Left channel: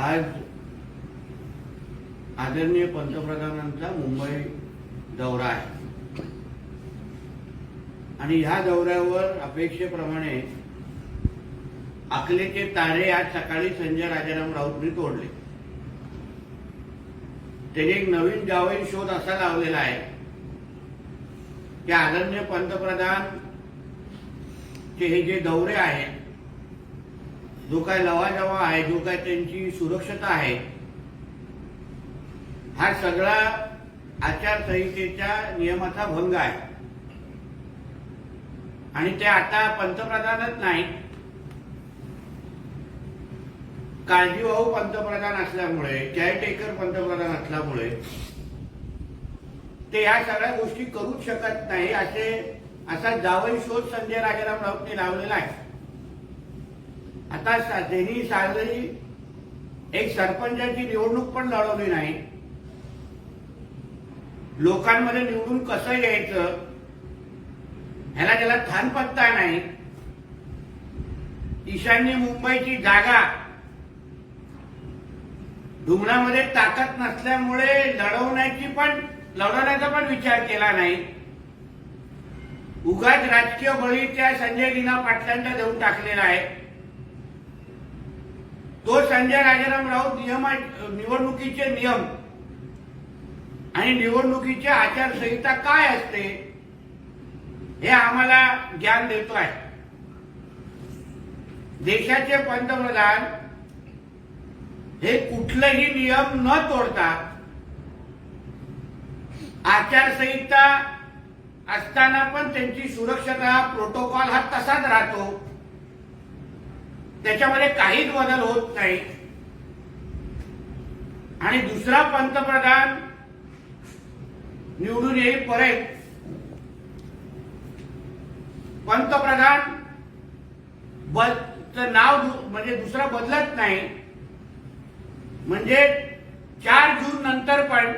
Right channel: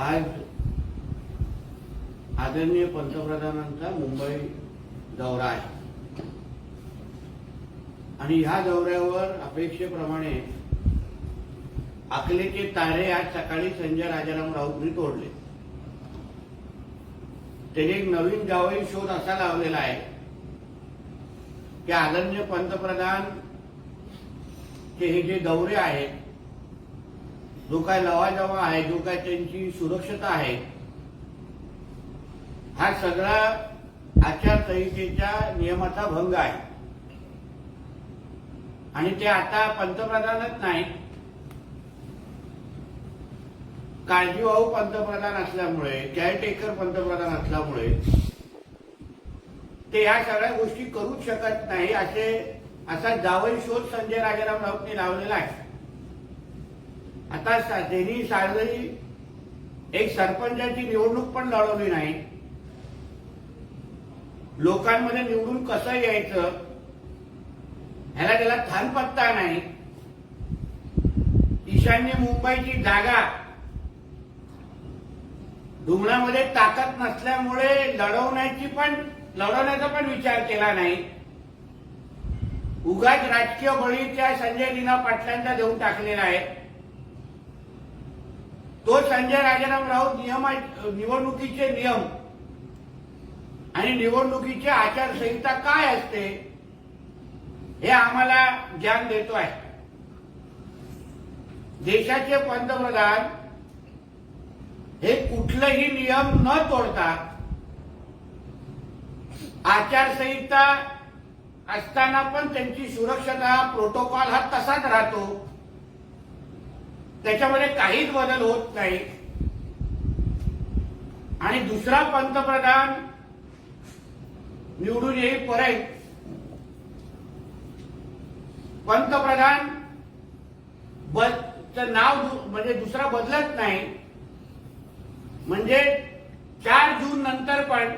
आज आदरणीय पंतप्रधानांचा मुंबई दौरा आहे आणि ह्या दौऱ्यावर अपेक्षेप्रमाणे आकलेचे तारे आज सकाळी संजय राजाराम राऊतनी तोडले त्याने एक नवीन जावई शोध असा लावलेला आहे की आदरणीय पंतप्रधान हे जे दौरे आहेत जो काय लवाजवा आहे जो काय त्यांची सुरक्षता आहे हा सगळा आचारसंहितेच्या नियमाचा भंग आहे आणि ते आता पंतप्रधानच नाही काळजीवाहू पंतप्रधान असल्यामुळे केअरटेकर पंतप्रधान असल्यामुळे ते ह्या सगळ्या गोष्टी करूच शकत नाही असे असा जावई शोध संजय राजाराम राऊतने लावलेला आहे आता त्यांनी साजरी एक सरपंचाची निवडणूक पण लढवली नाही लोकांमध्ये निवडून कसं यायचं ह्याला त्याला थान पत्ता नाही ईशान्य मुंबईची जागा रुग्णामध्ये ताकद नसल्यामुळे लढवण्याची पण लढवण्याचा पण विचार केला नाही उगाच राजकीय बळीच्या संजय लीना पाटलांचा देऊन टाकलेला आहे तो संजय राजाराम राऊत नियम निवडणुकीचे नियम आणि निवडणुकीची आचारसंहिता काय असते हे आम्हाला ज्ञान देतो आहे देशाचे पंतप्रधान हे कुठलेही नियम न तोडतात आचारसंहिता असताना पण त्यांची सुरक्षता प्रोटोकॉल हा तसाच राहतो त्याच्यामध्ये काहीच बदल होत नाही आणि दुसरा पंतप्रधान निवडून येईल येईपर्यंत पंतप्रधान नाव म्हणजे दुसरा बदलत नाही म्हणजे चार जून नंतर पण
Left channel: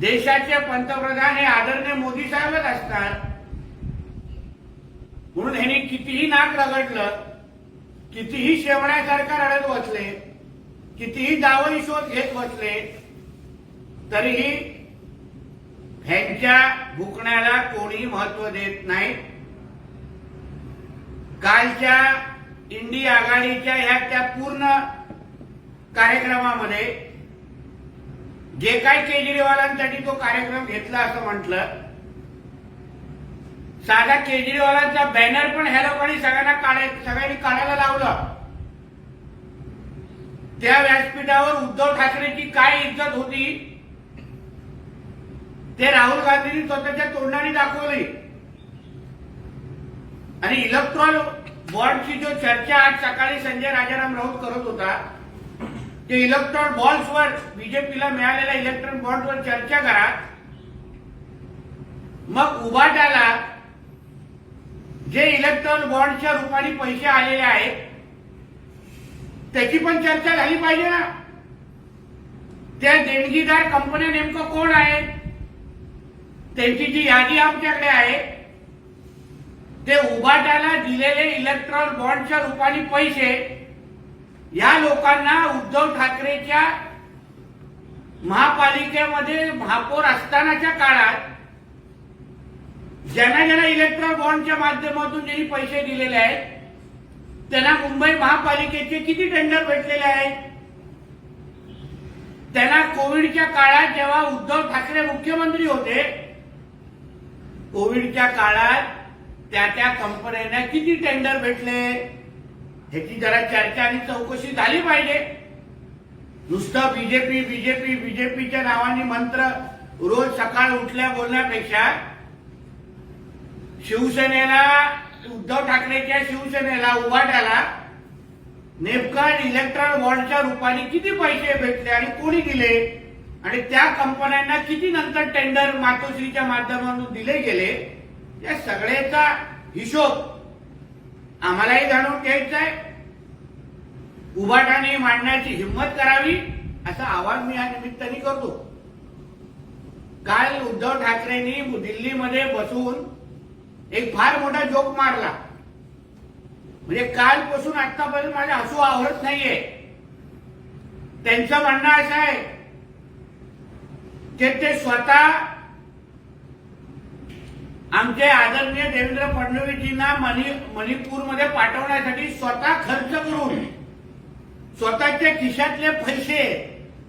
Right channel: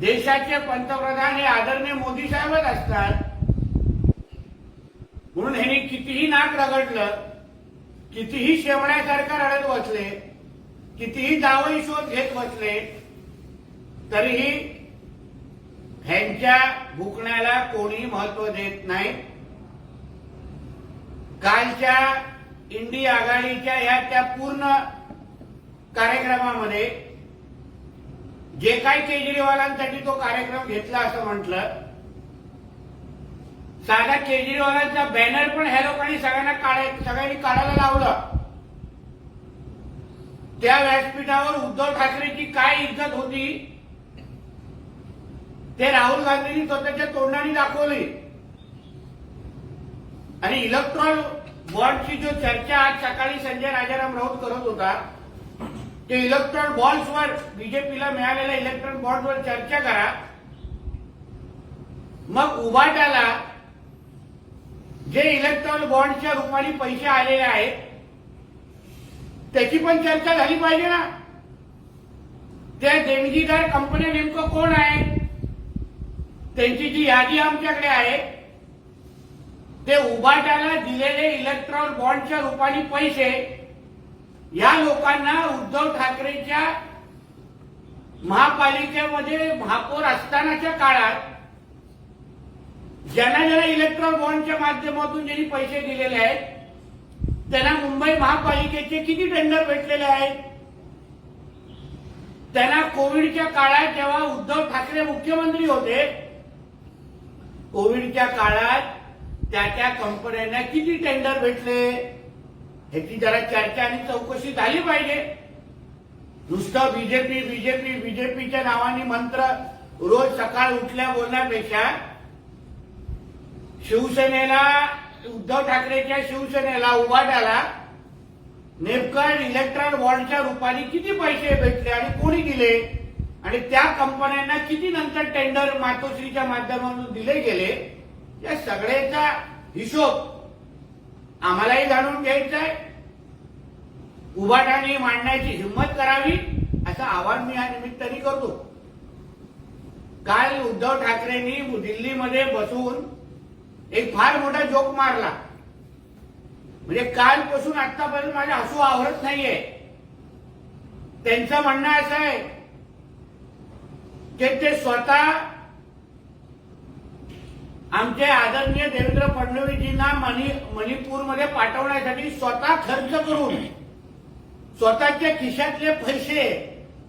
देशाचे पंतप्रधान हे आदरणीय मोदी साहेबच असतात म्हणून ह्यांनी कितीही नाक रगडलं कितीही सरकार रडत बसले कितीही जावळी शोध घेत बसले तरीही ह्यांच्या भुकण्याला कोणी महत्व देत नाही कालच्या इंडी आघाडीच्या ह्या त्या पूर्ण कार्यक्रमामध्ये जे काही केजरीवालांसाठी तो कार्यक्रम घेतला असं म्हटलं साधा केजरीवालांचा बॅनर पण ह्या लोकांनी सगळ्यांना काढाय सगळ्यांनी काढायला लावलं त्या व्यासपीठावर उद्धव ठाकरेची काय इज्जत होती ते राहुल गांधींनी स्वतःच्या तोंडाने दाखवली आणि इलेक्ट्रॉन बॉन्डची जो चर्चा आज सकाळी संजय राजाराम राऊत करत होता ते इलेक्ट्रॉन बॉल्सवर बीजेपीला मिळालेल्या इलेक्ट्रॉन बॉल्सवर चर्चा करा मग उभाट्याला जे इलेक्ट्रॉन बॉन्डच्या रूपाने पैसे आलेले आहेत त्याची पण चर्चा झाली पाहिजे ना त्या देणगीदार कंपन्या नेमकं कोण आहे त्यांची जी यादी आमच्याकडे आहे ते उभाटाला दिलेले इलेक्ट्रॉन बॉन्डच्या रूपाने पैसे या लोकांना उद्धव ठाकरेच्या महापालिकेमध्ये महापौर असतानाच्या काळात ज्यांना ज्यांना इलेक्ट्रॉन बॉन्डच्या माध्यमातून ज्यांनी पैसे दिलेले आहेत त्यांना मुंबई महापालिकेचे किती टेंडर भेटलेले आहेत त्यांना कोविडच्या काळात जेव्हा उद्धव ठाकरे मुख्यमंत्री होते कोविडच्या काळात त्या त्या कंपन्यांना किती टेंडर भेटले ह्याची जरा चर्चा आणि चौकशी झाली पाहिजे नुसतं बीजेपी बीजेपी बीजेपीच्या नावाने मंत्र रोज सकाळ उठल्या बोलण्यापेक्षा शिवसेनेला उद्धव ठाकरेच्या शिवसेनेला उभाट्याला नेमकं इलेक्ट्रॉन बॉन्डच्या रुपाने किती पैसे भेटले आणि कोणी दिले आणि त्या कंपन्यांना किती नंतर टेंडर मातोश्रीच्या माध्यमातून दिले गेले या सगळ्याचा हिशोब आम्हालाही जाणून घ्यायचा आहे उभाटाने मांडण्याची हिंमत करावी असं आवाहन मी या निमित्ताने करतो काल उद्धव ठाकरेंनी दिल्लीमध्ये बसून एक फार मोठा जोक मारला म्हणजे कालपासून आतापर्यंत माझ्या हसू आवरत नाहीये त्यांचं म्हणणं असं आहे की ते स्वतः आमचे आदरणीय देवेंद्र फडणवीसजींना मणिपूरमध्ये पाठवण्यासाठी स्वतः खर्च करून स्वतःच्या खिशातले पैसे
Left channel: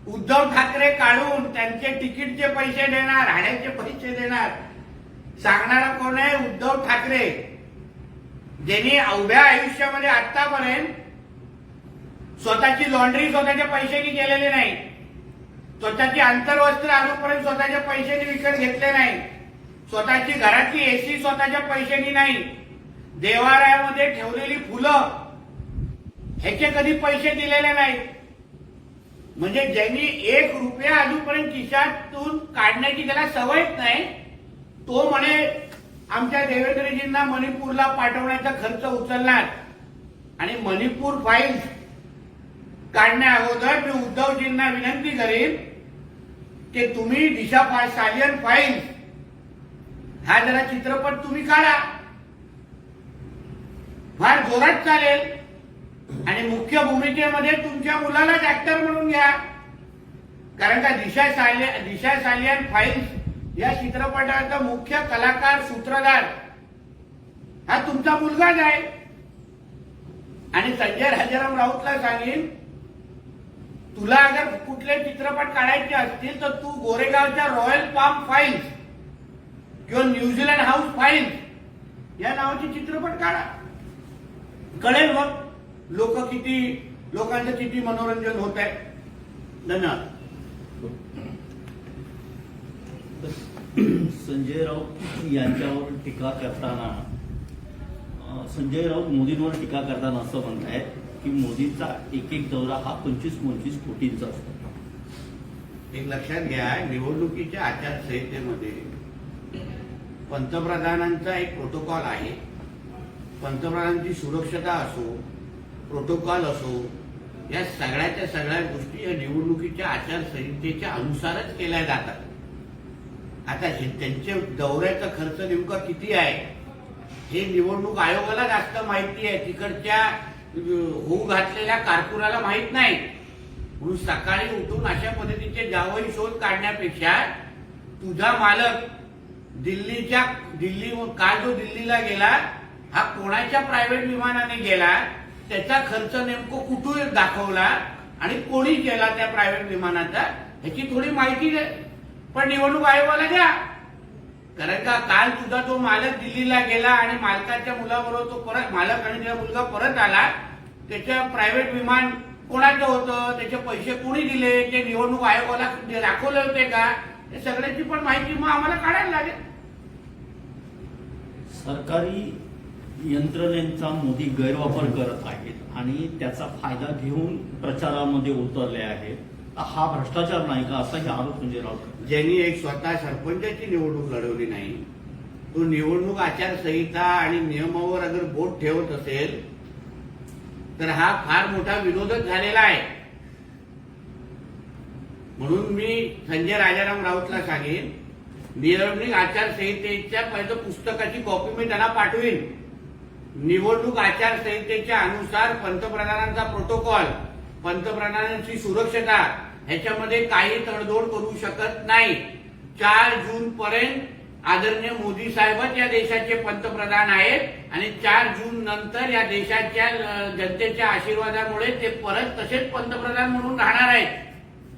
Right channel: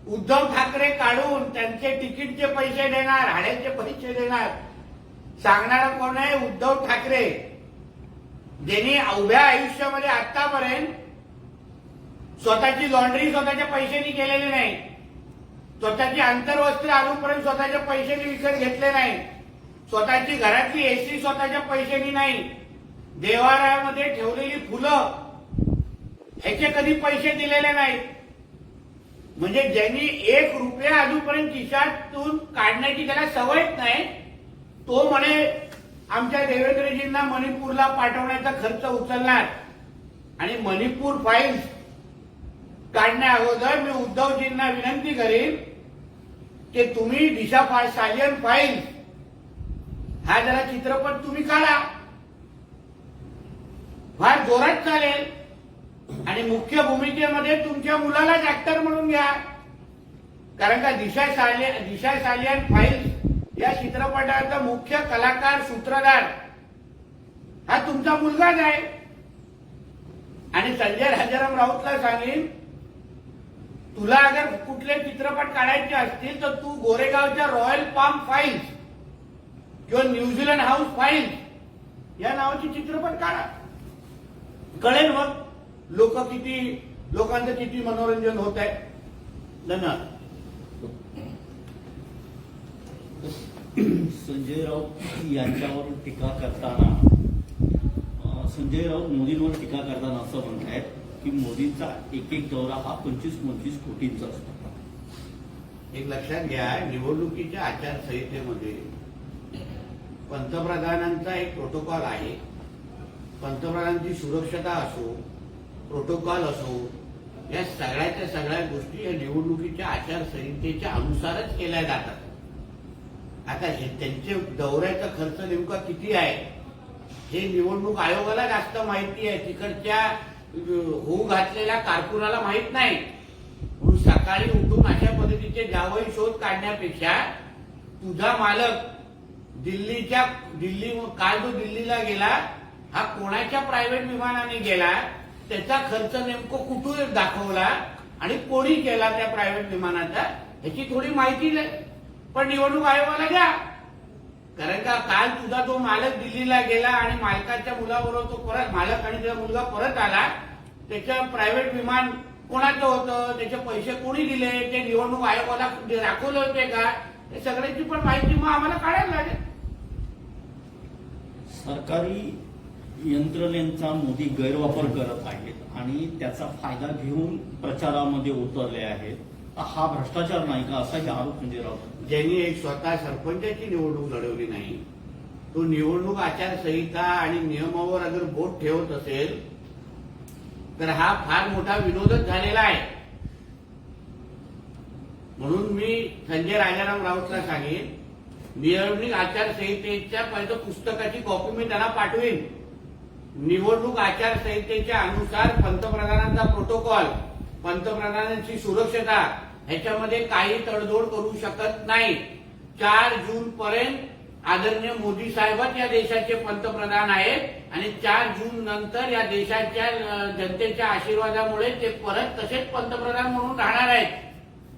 उद्धव ठाकरे काढून त्यांचे तिकीटचे पैसे देणार हाड्याचे पैसे देणार सांगणारा कोण आहे उद्धव ठाकरे ज्यांनी अवघ्या आयुष्यामध्ये आतापर्यंत स्वतःची लॉन्ड्री स्वतःच्या पैशाने केलेली नाही स्वतःची आंतरवस्त्र अजूनपर्यंत स्वतःच्या पैशाने विकत घेतले नाही स्वतःची घरातली एसी स्वतःच्या पैशानी नाही देवालयामध्ये ठेवलेली फुलं ह्याचे कधी पैसे दिलेले नाही म्हणजे ज्यांनी एक रुपया अजूनपर्यंत खिशातून काढण्याची त्याला सवयच नाही तो म्हणे आमच्या देवेंद्रजींना मणिपूरला पाठवण्याचा खर्च उचलणार आणि मणिपूर फाईल्स काढण्या अगोदर मी उद्धवजींना विनंती करीन की तुम्ही दिशा सालियन फाईल्स हा जरा चित्रपट तुम्ही काढा फार जोरात चालेल आणि मुख्य भूमिकेमध्ये तुमच्या मुलालाच ऍक्टर म्हणून घ्या कारण का दिशा सालियन दिशा सालियन फाईल्स या चित्रपटाचा मुख्य कलाकार सूत्रधार हा तुमचा मुलगाच आहे आणि संजय राजाराम राऊतला सांगेन तुला अगर कुठले चित्रपट काढायचे असतील तर तू गोरेगावच्या रॉयल पाम फाईल्स किंवा न्यूझीलंड हाऊस फाईल्स या नावाचे चित्रपट काढा कळेल मग लोक किती लोकांचं किती मनोरंजन होत आहे धन्यवाद संजय राऊत यांच्यावर टीका करताना संजय राऊत मोदींवर टीका करताना असं म्हणत की मोदींचा एक एक दौरा हा पंचवीस पंचवीस कोटींचा असतो एक लक्षात घ्या निवडणुकीच्या आचारसंहितेमध्ये पंतप्रधानांचा एक प्रोटोकॉल आहे पंतप्रधानांची सुरक्षता असो प्रोटोकॉल असो या सगळ्याच्या सगळ्या गोष्टी या निवडणुकीच्या आचारसंहितेच्या अनुसारच केल्या जातात आता हे त्यांच्या दौऱ्याचा खर्च नेमका किती आहे हे निवडणूक आयोगाला जास्त माहिती आहे तिकडच्या होऊ घातलेल्या कारकुनाला माहीत नाही म्हणून सकाळी उठून अशा पद्धतीचे जावई शोध काढण्यापेक्षा तुझा मालक दिल्लीच्या दिल्ली काल जो दिल्लीला गेला हा कोणाच्या प्रायव्हेट विमानाने गेला त्याचा खर्च नेमकं कुठून दाखवला आणि कोणी गेला त्या प्रायव्हेट विमानाचा ह्याची थोडी माहिती पण निवडणूक आयोगाला द्या कारण का काल सुद्धा तो मालक दिल्लीला गेला आणि मालकाच्या मुलाबरोबर तो परत मालक आणि तुझा मुलगा परत आला त्याच्या प्रायव्हेट विमान कोणाचं होतं त्याचे पैसे कोणी दिले ते निवडणूक आयोगाला दाखवले होते का हे सगळ्याची पण माहिती मग आम्हाला काढायला लागेल सरकारी यंत्रणेचा मोदी गैरवापर करत आहेत आणि त्याचा फायदा घेऊन प्रचारामध्ये उतरले आहेत हा भ्रष्टाचार नाही का असाही आरोप म्हणजे ज्यांनी एक स्वतः सरपंचाची निवडणूक लढवली नाही तो निवडणूक आचारसंहिता आणि नियमावर अगर बोट ठेवत असेल तर हा फार मोठा विरोधच झालेला आहे म्हणून मी संजय राजाराम राऊतला सांगेन निवडणूक आचारसंहितेच्या पहिलं पुस्तकाची कॉपी मी त्यांना पाठवीन निवडणूक आचारसंहितेच्या अनुसार पंतप्रधानांचा प्रोटोकॉल पंतप्रधानांची सुरक्षता ह्याच्यामध्ये काही तडजोड करू शकत नाही चार जून पर्यंत आदरणीय मोदी साहेबच या देशाचे पंतप्रधान आहेत आणि चार जून नंतर या देशाच्या जनतेच्या आशीर्वादामुळे ते परत तसेच पंतप्रधान म्हणून राहणार आहेत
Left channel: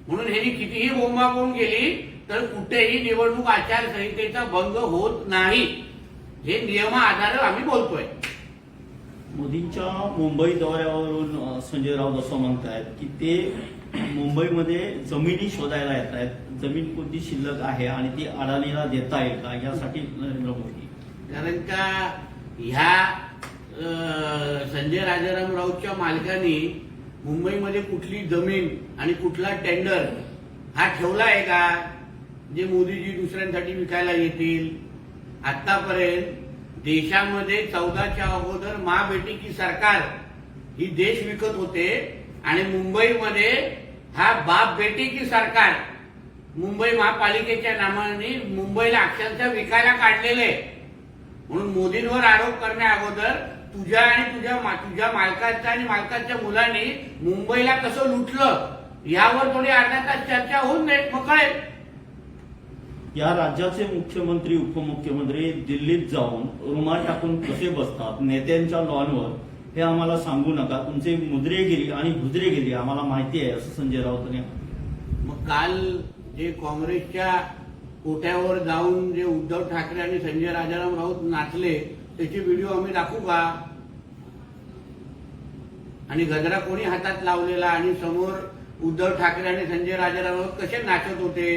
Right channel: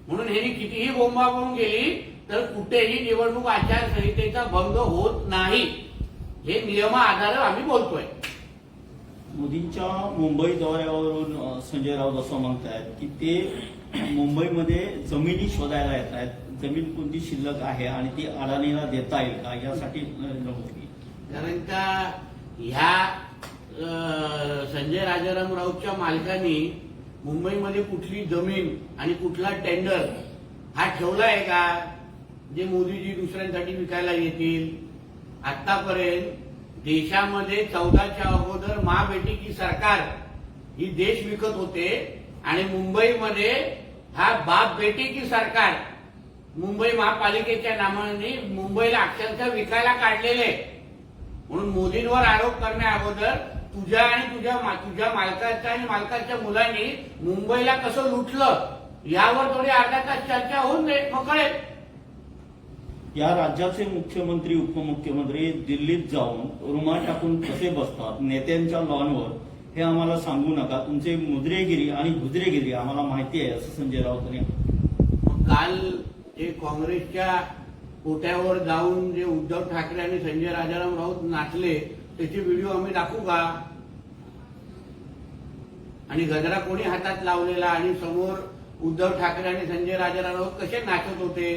म्हणून ह्यांनी कितीही बोंबाबोंब गेली तर कुठेही निवडणूक आचारसंहितेचा भंग होत नाही हे नियमा आधारे आम्ही बोलतोय मोदींच्या मुंबई दौऱ्यावरून संजय राऊत असं म्हणत आहेत की ते मुंबईमध्ये जमिनी शोधायला येत आहेत जमीन कोणती शिल्लक आहे आणि ती अडाणीला देता का यासाठी नरेंद्र मोदी कारण का ह्या संजय राजाराम राऊतच्या मालकाने मुंबईमध्ये कुठली जमीन आणि कुठला टेंडर हा ठेवला आहे का जे मोदीजी दुसऱ्यांसाठी विकायला येतील आतापर्यंत देशामध्ये चौदाच्या अगोदर मा बेटीची सरकार ही देश विकत होते आणि मुंबईमध्ये हा बाप बेटीची सरकार मुंबई महापालिकेच्या नावाने मुंबईला अक्षरशः विकायला काढलेले म्हणून मोदींवर आरोप करण्या अगोदर तुझ्या आणि तुझ्या तुझ्या मालकाच्या आणि मालकाच्या मुलांनी मुंबईला कसं लुटलं यावर थोडी अर्धा तास चर्चा होऊन जाईल मग या राज्याचे मुख्यमंत्री उपमुख्यमंत्री दिल्लीत जाऊन रुमा टाकून कसे बसतात नेत्यांच्या लॉनवर हे आम्हाला सांगू नका तुमचे मुद्रेगिरी आणि गुजरेगिरी आम्हाला माहिती आहे असं संजय राऊत यांनी काल जे काँग्रेसच्या कोट्यावर जाऊन जे उद्धव ठाकरे आणि संजय राजाराम राऊत नाचले त्याचे व्हिडिओ आम्ही दाखवू का आणि गजरा कोणी हातात लावलेला आणि समोर उद्धव ठाकरे आणि संजय राजाराम राऊत कसे नाचत होते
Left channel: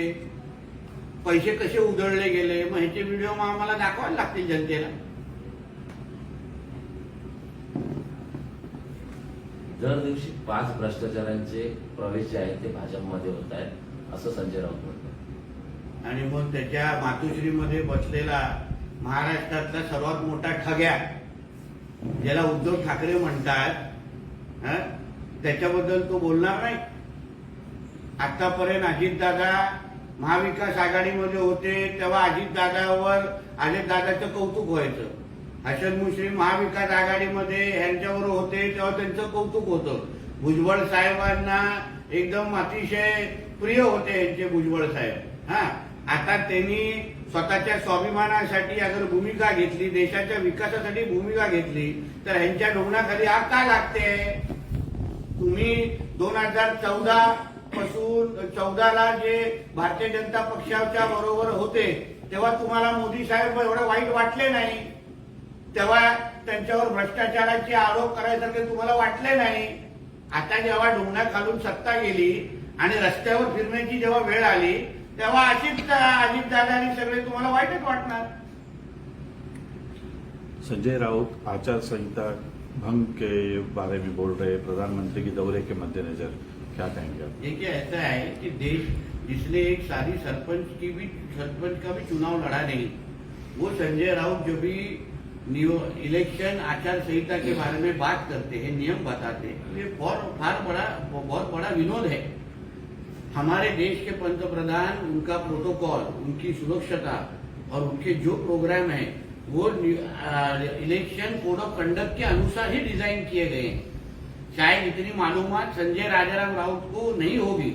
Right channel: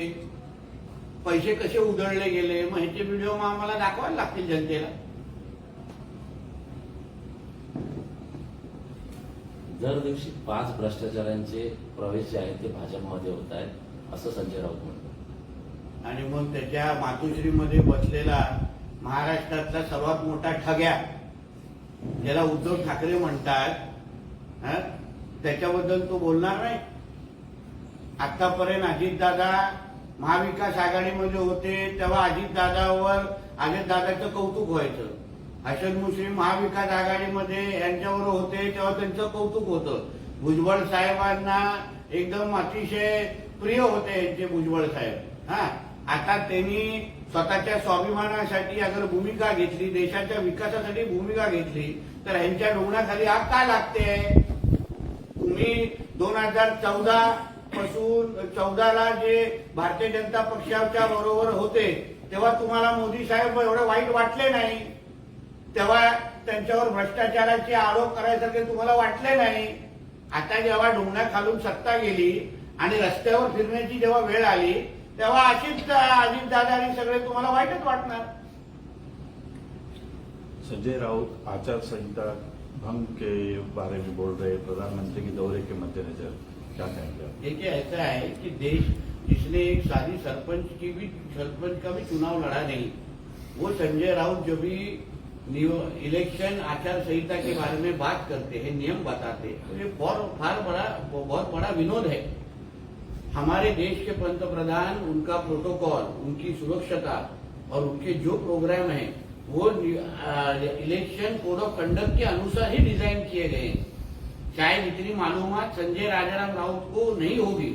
पैसे कसे उधळले गेले मग ह्याचे व्हिडिओ मग आम्हाला दाखवायला लागतील जनतेला दर दिवशी पाच भ्रष्टाचारांचे प्रवेश जे आहेत ते भाजपमध्ये होत आहेत असं संजय राऊत म्हणतो आणि मग त्याच्या मातोश्रीमध्ये बसलेला महाराष्ट्रातला सर्वात मोठा ठग्या ज्याला उद्धव ठाकरे म्हणतात त्याच्याबद्दल तो बोलणार नाही आतापर्यंत अजितदादा महाविकास आघाडीमध्ये होते तेव्हा अजितदादावर अजितदादाचं कौतुक व्हायचं हसन मुश्री महाविकास आघाडीमध्ये यांच्यावर होते तेव्हा त्यांचं कौतुक होतं भुजबळ साहेबांना एकदम अतिशय प्रिय होते यांचे भुजबळ साहेब हा आता त्यांनी स्वतःच्या स्वाभिमानासाठी अगर भूमिका घेतली देशाच्या विकासासाठी भूमिका घेतली तर यांच्या डोंगणाखाली आग का लागते तुम्ही दोन हजार चौदा पासून चौदाला जे भारतीय जनता पक्षाच्या बरोबर होते तेव्हा तुम्हाला मोदी साहेब एवढे वाईट वाटले नाही तेव्हा त्यांच्यावर भ्रष्टाचाराचे आरोप करायसारखे तुम्हाला वाटले नाही आता जेव्हा डोंगणा खालून सत्ता गेली आणि रस्त्यावर फिरण्याची जेव्हा वेळ आली तेव्हा अजित अशीच दादा सगळे तुम्हाला वाईटच वाटणार संजय राऊत आचारसंहिता भंग के बारे में बोल रहे प्रधानमंत्री के दौरे के मद्देनजर क्या कहेंगे आप देखिए ऐसा है कि देश जिसने एक सारी सरपंच की भी सरपंच का भी चुनाव लड़ा नहीं वो संजय राउत जो भी इलेक्शन आचार संहिता के बारे में बात करते हैं नियम बताते हैं तो ये बहुत फार बड़ा बहुत बड़ा विनोद है हमारे देश के पंतप्रधान उनका प्रोटोकॉल उनकी सुरक्षता और उनके जो प्रोग्राम है वो इलेक्शन कोड ऑफ कंडक्ट के अनुसार ही डिजाइन किए गए हैं चाहे इतनी मालूमात संजय राजाराम राउत को नहीं होगी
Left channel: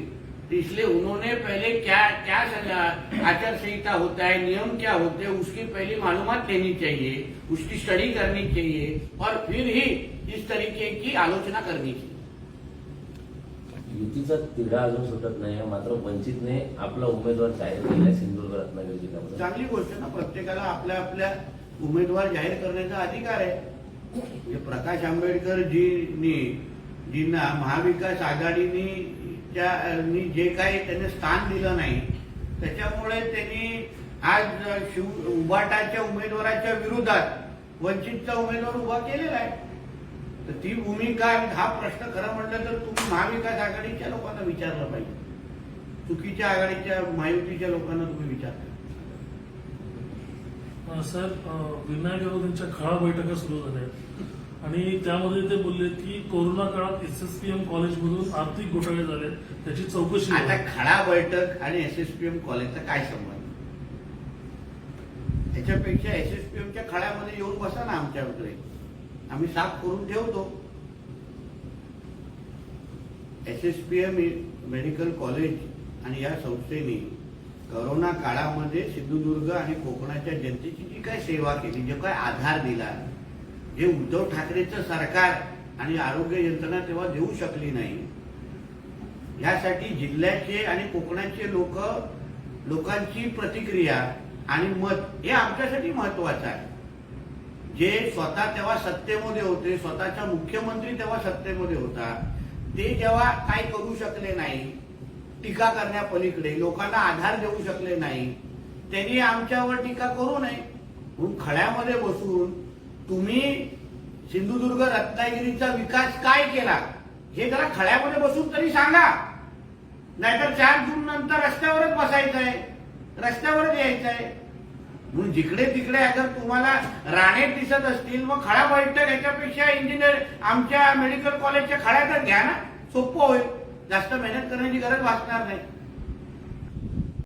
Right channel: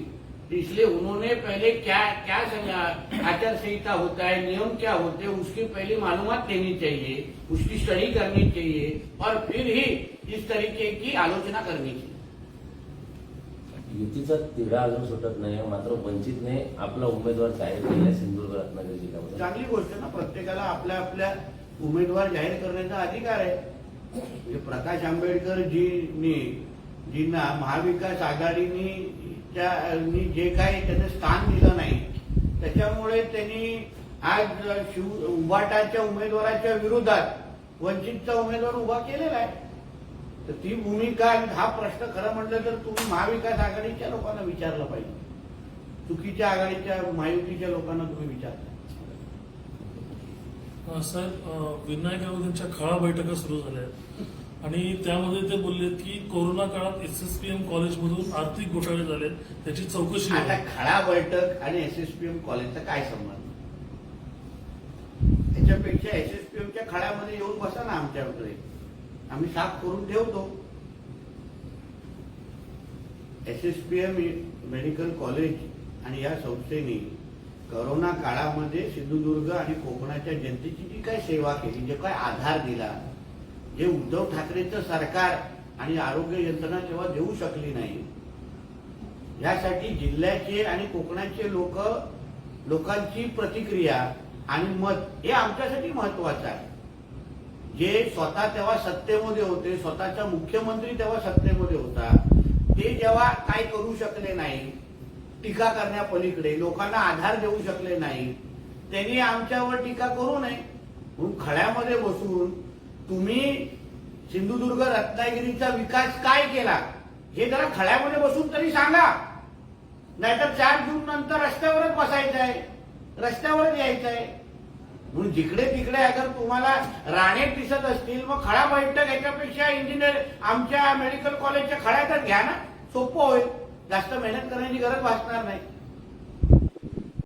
इसलिए उन्होंने पहले क्या क्या आचार संहिता होता है नियम क्या होते हैं उसकी पहले मालूमात देनी चाहिए उसकी स्टडी करनी चाहिए और फिर ही इस तरीके की आलोचना करनी चाहिए युतीचा तिढा अजून सुटत नाही मात्र वंचितने आपला उमेदवार जाहीर केला सिंधुदुर्ग रत्नागिरी जिल्ह्यामध्ये चांगली गोष्ट ना प्रत्येकाला आपल्या आपल्या उमेदवार जाहीर करण्याचा अधिकार आहे म्हणजे प्रकाश जी जींना महाविकास आघाडीनी जे काही त्यांना स्थान दिलं नाही त्याच्यामुळे त्यांनी आज शिव उभाटाच्या उमेदवाराच्या विरोधात वंचितचा उमेदवार उभा केलेला आहे तर ती भूमिका हा प्रश्न खरं म्हटलं तर तुम्ही महाविकास आघाडीच्या लोकांना विचारला पाहिजे चुकीच्या आघाडीच्या महायुतीच्या लोकांना तुम्ही विचारता साहेब विनायक यांच्या खळा बैठका सुरू झाल्या आणि त्यामध्ये ते बोलले की कोरोना काळात एस एस पी एम कॉलेजमधून आर्थिक घोटाळे झाले त्याची चौकशी आता खळा बैठक आणि एस एस पी एम कॉलेजचा काय संबंध त्याच्यापेक्षा एस एस पी खळ्यामध्ये येऊन बसा ना आमच्याकडे आम्ही साफ करून ठेवतो S S P M medical college आणि या संस्थेने करोना काळामध्ये सिंधुदुर्ग आणि कोकणाच्या जनतेची जी काय सेवा केली जे काय आधार दिला जे उद्धव ठाकरेचं सरकार आणि आरोग्य यंत्रणा तेव्हा देऊ शकली नाही यासाठी जिल्ह्याचे आणि कोकणाचे लोक लोकांची प्रतिक्रिया आणि मत हे आमच्यासाठी महत्वाचं आहे जे स्वतः तेव्हा सत्तेमध्ये होते स्वतःचा मुख्यमंत्री तेव्हा सत्तेमध्ये होता ते जेव्हा काय करू शकले नाही टीका करण्यापलीकडे लोकांना आधार देऊ शकले नाही त्यांनी आमच्यावर टीका करू नये म्हणून खड्यामध्ये बसून तुम्ही सिंधुदुर्ग रत्नागिरीचा विकास काय केला हे जरा खड्यामध्ये बसून तरी सांगा नाहीतर चार जून नंतर रस्त्यावरच बसायचंय आहे रस्त्यावरच यायचं आहे म्हणून जिकडे तिकडे अगर तुम्हाला राणे दिसत असतील व खळा बैठक याच्यापेक्षा इंजिनिअर आमच्या मेडिकल कॉलेजच्या खळ्यातच घ्या ना सोपं होईल जास्त मेहनत करण्याची गरज वाचणार नाही